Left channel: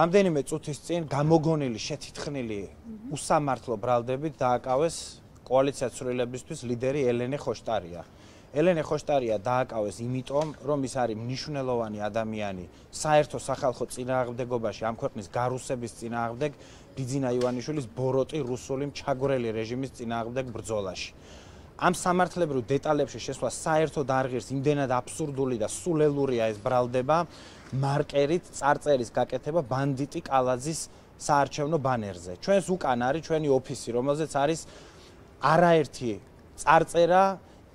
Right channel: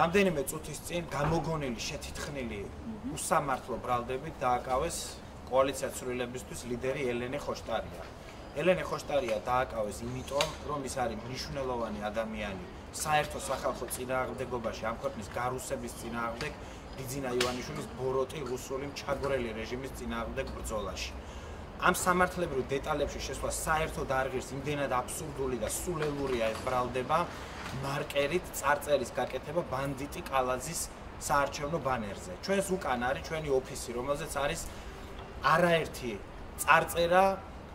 რამდენიმე წუთის წინ გამოგონილი შეთითხნილი უსამართლო ბრალდებით დააკავეს კოალიციას ცვლილებისთვის ლიდერი ელენე ხოშტარია. ელენე ხოშტარია დააკავეს იმიტომ, რომ ის არის მნიშვნელოვანი ადამიანი საერთო სახალხო წინააღმდეგობაში ამ ქვეყნის გარუსების წინააღმდეგ ბიძინა ივანიშვილის ბოროტი რუსული მჩაგვრელი რეჟიმის წინააღმდეგ ბრძოლაში. ამ სამართლებრივ დეტალებში შესვლა საერთოდ არ ღირს, იმდენად აბსურდული და სულელურია ეს ბრალდება მარკერით წარწერის გაკეთება ბანდიტი კალაძის საარჩევნო ბანერზე. ჩვენს უკან არის ჩვენი ოფისი, რომელზეც არის არაერთი წარწერა,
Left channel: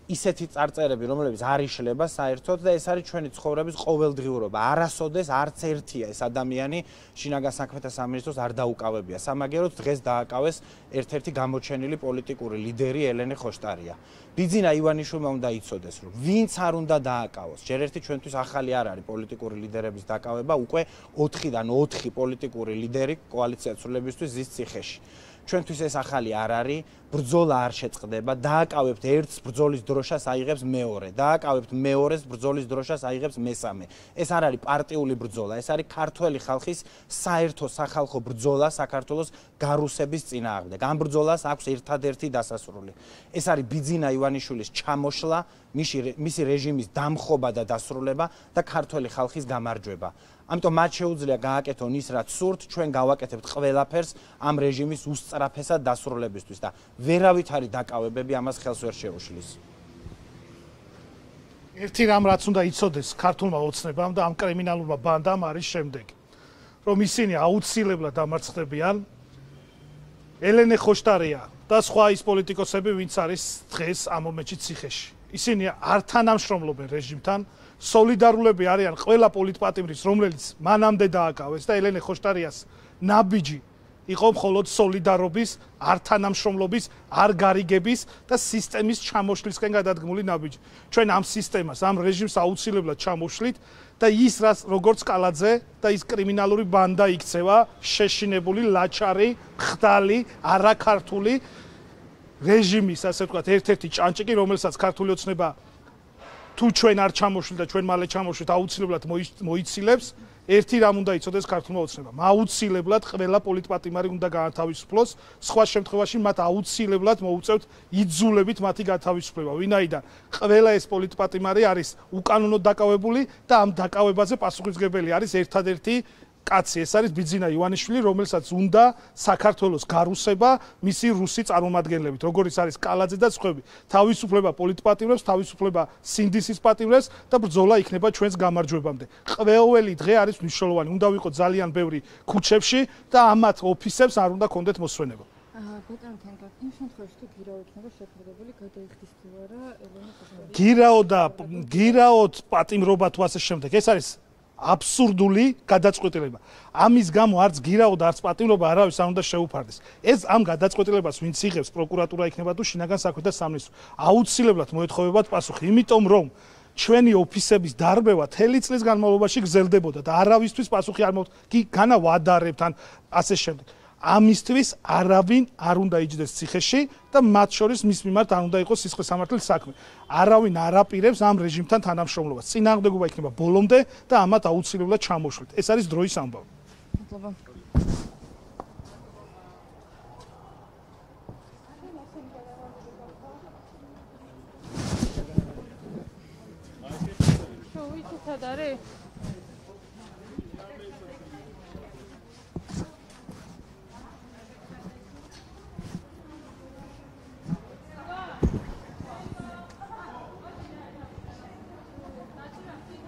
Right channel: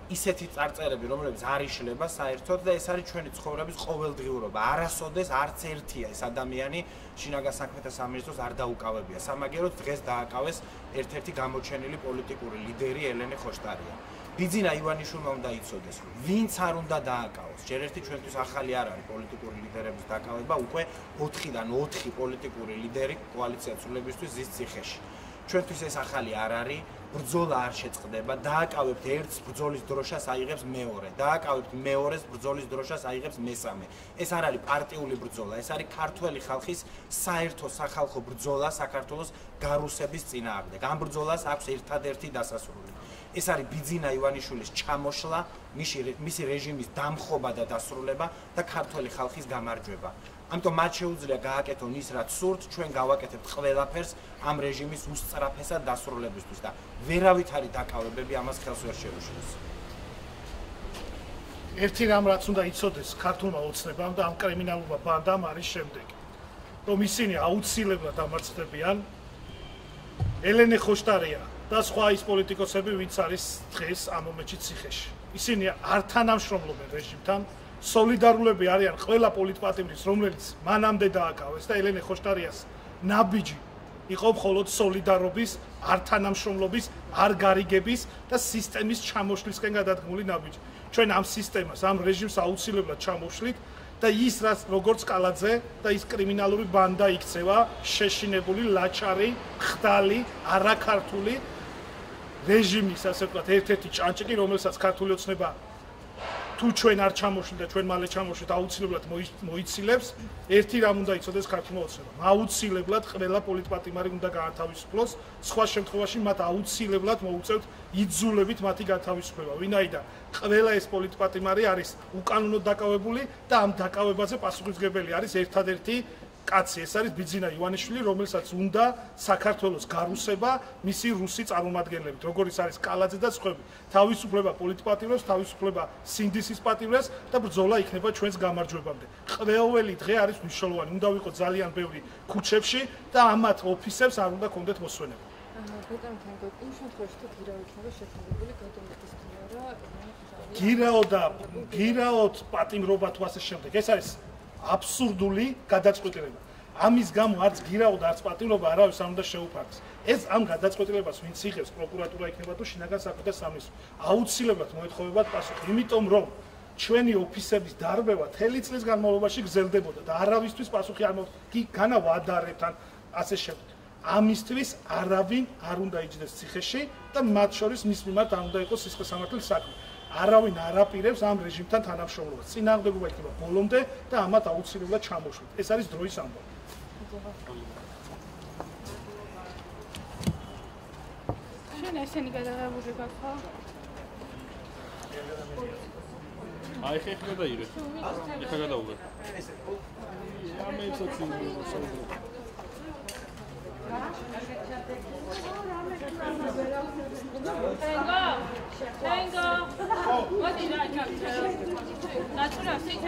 ისეთი წარწერები, რომლებიც არ იშლება საერთოდ და ეს არის ჩვენი ცხოვრების ყოველდღიურობა. არასოდეს არც ერთია ეს ადამიანი შინაგან საქმეთა სამინისტროს არ დაუკავებია. სამაგეროდ დღეს დააკავეს ერთ-ერთი გამოჩენილი პოლიტიკური ლიდერი ელენე ხოშტარია. ბიძინა ივანიშვილმა უნდა იცოდეს, რომ ვინც არ უნდა დააკავოს. ჯერ ერთი ჩვენთვის ახალი არ არის პოლიტიკური ლიდერების დაკავება, უკვე 4-დან 4 პოლიტიკური ლიდერი კოალიციას ცვლილებისთვის ზის ციხეში. ჩვენთვის ეს ახალი არ არის, ბრძოლა არ შეწყდება, დააკავებთ ერთს ბრძოლის დროშას აიღებს მეორე, დააკავებთ მეორეს ბრძოლის დროშას აიღებს მესამე. ეს არ არის პარტიული ბრძოლა, ეს არის ქართველი ხალხის საერთო სახალხო ბრძოლა საქართველოს გარუსების წინააღმდეგ. ამ ბრძოლას აქვს ერთადერთი დასასრული. ეს არის ბიძინა ივანიშვილის ჩამოშლა, მისი რეჟიმის დამხობა და დასრულება და ქართველი ხალხის გამარჯვება. ამიტომ მათ შეუძლია გააკეთონ ის, რაც სურთ, ჩვენ გავაკეთებთ ყველაფერს ამ რეჟიმის უსწრაფესად დასრულებისთვის და ვერავით არის დაკავებები ამას ხელს ვერ შეუშლის. ერთი რამ რაც უნდა იცოდეს ქართულმა ოცნებამ და ამ კრიმინალურმა ბანდამ არის შემდეგი, რომ ისინი აუცილებლად დამარცხდებიან ელენე ხოშტარია და სხვა ის პოლიტიკოსები, ვინც არის დღეს ამ მომენტში ციხეში. ისინი არ თანამშრომლობენ რეჟიმთან. სოლიდარულები არიან ყველა პოლიტპატიმრის, რომელიც მანამდე დააკავეს და ელენე ხოშტარიას ნაბიჯი იყო მხოლოდ სოლიდარობის, არ თანამშრომლობის, არ გარიგების და სისტემის ჩამოშლისკენ გადადგმული ნაბიჯი. ჩვენ ამ სისტემას, ამ რეჟიმს აუცილებლად ჩამოვშლით და ის რაც როგორც კალაძე და ის კრიმინალური ბანდა იქცევა, შეშინებული, ლაჩარი, ხდალი, არაქართული რეჟიმის, ასე ვთქვათ, ერთ-ერთი ჭანჭიკი, რომელსაც ქართული ოცნება თუ ჩვენ არ ჩამოშლით და ჩვენ მალე ჩამოშლით, აუცილებლად მოიცილებს. ერთი რამ უნდა იცოდეს ქართულმა ოცნებამ. აუცილებლად ყველა პოლიტპატიმარი უნდა გაათავისუფლოს. სხვა შემთხვევაში მათ აუცილებლად მოუწევთ იძულებით მათი გათავისუფლება. ვინაიდან ყველა ეს პოლიტპატიმარი არის უკანონოდ დაკავებული და ამ დაკავებაზე პასუხისმგებელი არის ერთადერთი კაცი, ეს არის ბიძინა ივანიშვილი, რომელსაც უნდა საქართველოს გარუსება მისი რუსი წარმომადგენლებით, როგორიც არის კალაძე და სხვები. თავისუფლება პოლიტპატიმრებს, თავისუფლება სინდისის პატიმრებს და ბრძოლა იქნება ჩვენს გამარჯვებამდე. ყოველი დღე არის მნიშვნელოვანი, უნდა ვიყო ძალიან ბევრი ქუჩებში და ამათ ოფისებს არ უნდა კონდეთ მოსვენება. გირაოდ პატიმრობა თუ ასე შემდეგ, ეს არის აბსურდული გადაწყვეტილება. ამის გამო არც გირაოდ, არც პატიმრობა არავის არ უნდა შეუფარდეს. ეს ამ გადაწყვეტილებას ვინც იღებს, პროკურატურა იქნება თუ შინაგან საქმეთა სამინისტრო. აუცილებლად მოეთხოვებათ პასუხი, იმიტომ რომ ჩვენი ოფისების დარბევა მთელი წლის განმავლობაში გრძელდებოდა და არავისთვის პასუხი არ მოხდა. განა ვადარებთ ან ასე შემდეგ. ამისთვის არავინ არ უნდა იჯდეს ციხეში და მათ შორის მის მიმართ არ უნდა იყოს სისხლის სამართლის საქმე. არავინ არ აპირებს ამ რეჟიმთან თანამშრომლობას. წინააღმდეგობა იქნება ბოლომდე და ამათ აუცილებლად ჩამოშლით. ეს არის დროის ამბავი. შენ ესენი გადაღებული გახსნა? აი ხეშა ირე. გადაღებული. What did I come to? That's what I'm saying.